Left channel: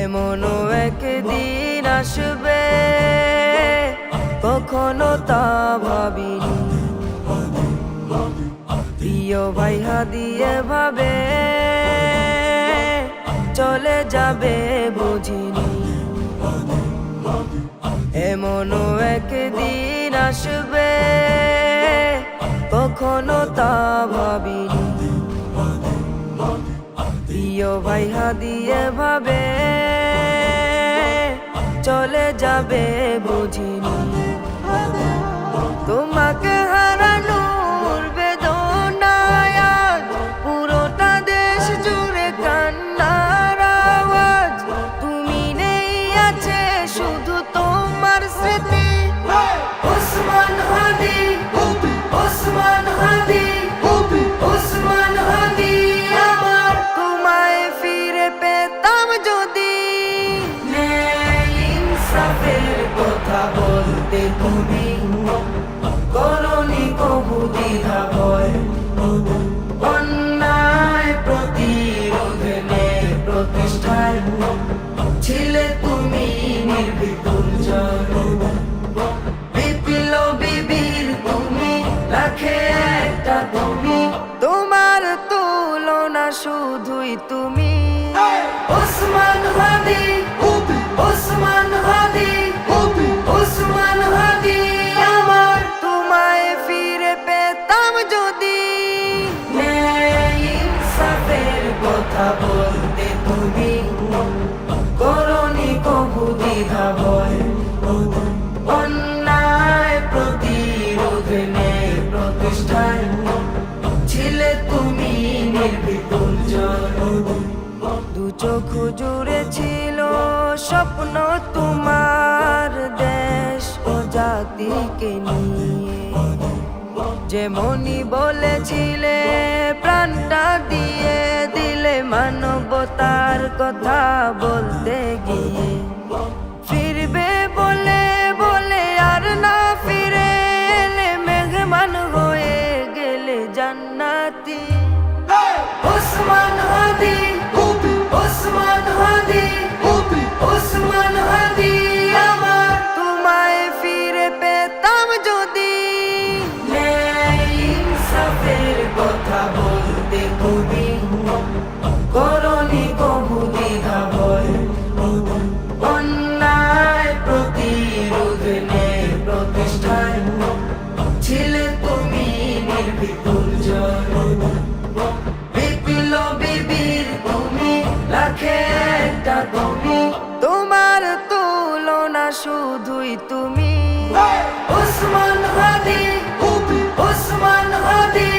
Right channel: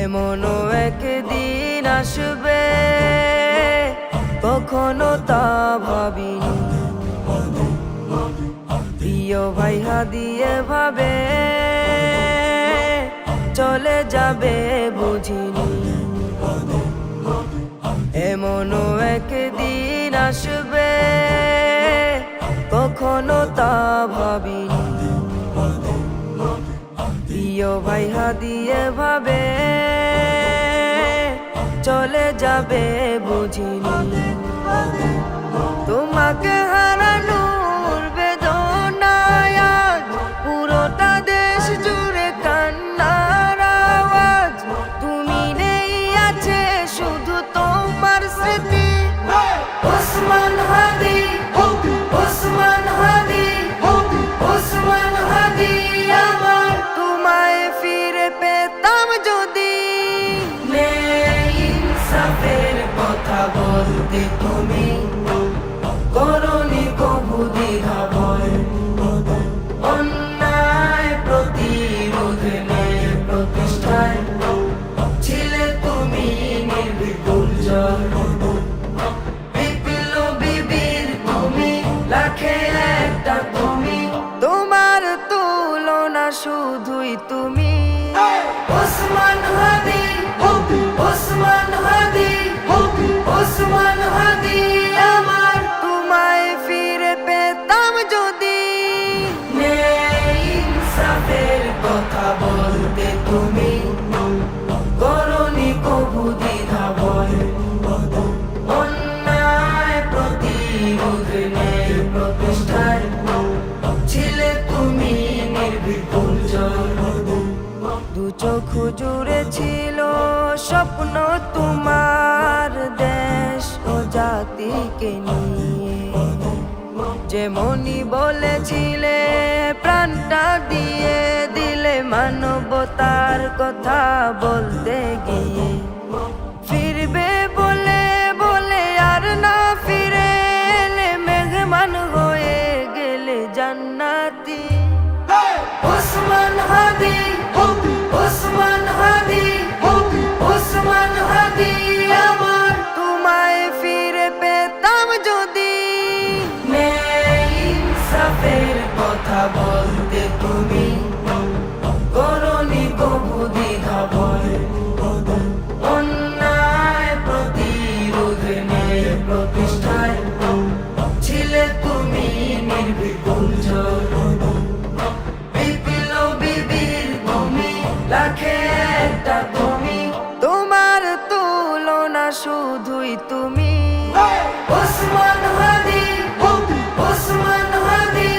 এমনও একদিন আসবে কখনো তা ভাবিনি, প্রিয় ভাই হাদিয়ে ভাবে চলে যাবে বুঝিনি। এমনও একদিন আসবে কখনো তা ভাবিনি, প্রিয় ভাই হাদিয়ে ভাবে চলে যাবে বুঝিনি। তোমাকে হারানোর বেদনায় আজ পুরোটা দেশ জুড়ে কান্নার আওয়াজ। তুমি নেই, আছে শুধু তোমার স্মৃতি। ওসমান হাদি, ওসমান হাদি, ওসমান হাদি আমার। তোমায় ফিরে পেতাম যদি, ইনসাফের কথা বলতে তুমি করনি কবু দ্বিধা ভয়। অন্যায় প্রতিরোধের প্রতিষ্ঠায় ছিলে তুমি নির্ভীক দুর্জয়। বিপ্লবী বীর তুমি, লাখে একটা তুমি, তোমার তুলনা শুধুই তুমি। ওসমান হাদি, ওসমান হাদি, ওসমান হাদি আমার। তোমায় ফিরে পেতাম যদি, ইনসাফের কথা বলতে তুমি করনি কবু দ্বিধা ভয়। অন্যায় প্রতিরোধের প্রতিষ্ঠায় ছিলে তুমি নির্ভীক দুর্জয়। দু চোখ জুড়ে ছিল স্বপ্ন তোমার দেশ ও জাতিকে নিয়ে। যেমনি বলেছিলে প্রাণটা দিয়ে দিলে মানবতার কথা বলতে গিয়ে। ফিরবে বলে বলে আর না ফিরে এলে, মেহমান হয়ে গেলে জান্নাতি। ওসমান হাদি, ওসমান হাদি, ওসমান হাদি আমার। তোমায় ফিরে পেতাম যদি, ইনসাফের কথা বলতে তুমি করনি কবু দ্বিধা ভয়। অন্যায় প্রতিরোধের প্রতিষ্ঠায় ছিলে তুমি নির্ভীক দুর্জয়। বিপ্লবী বীর তুমি, লাখে একটা তুমি, তোমার তুলনা শুধুই তুমি। ওসমান হাদি, ওসমান হাদি।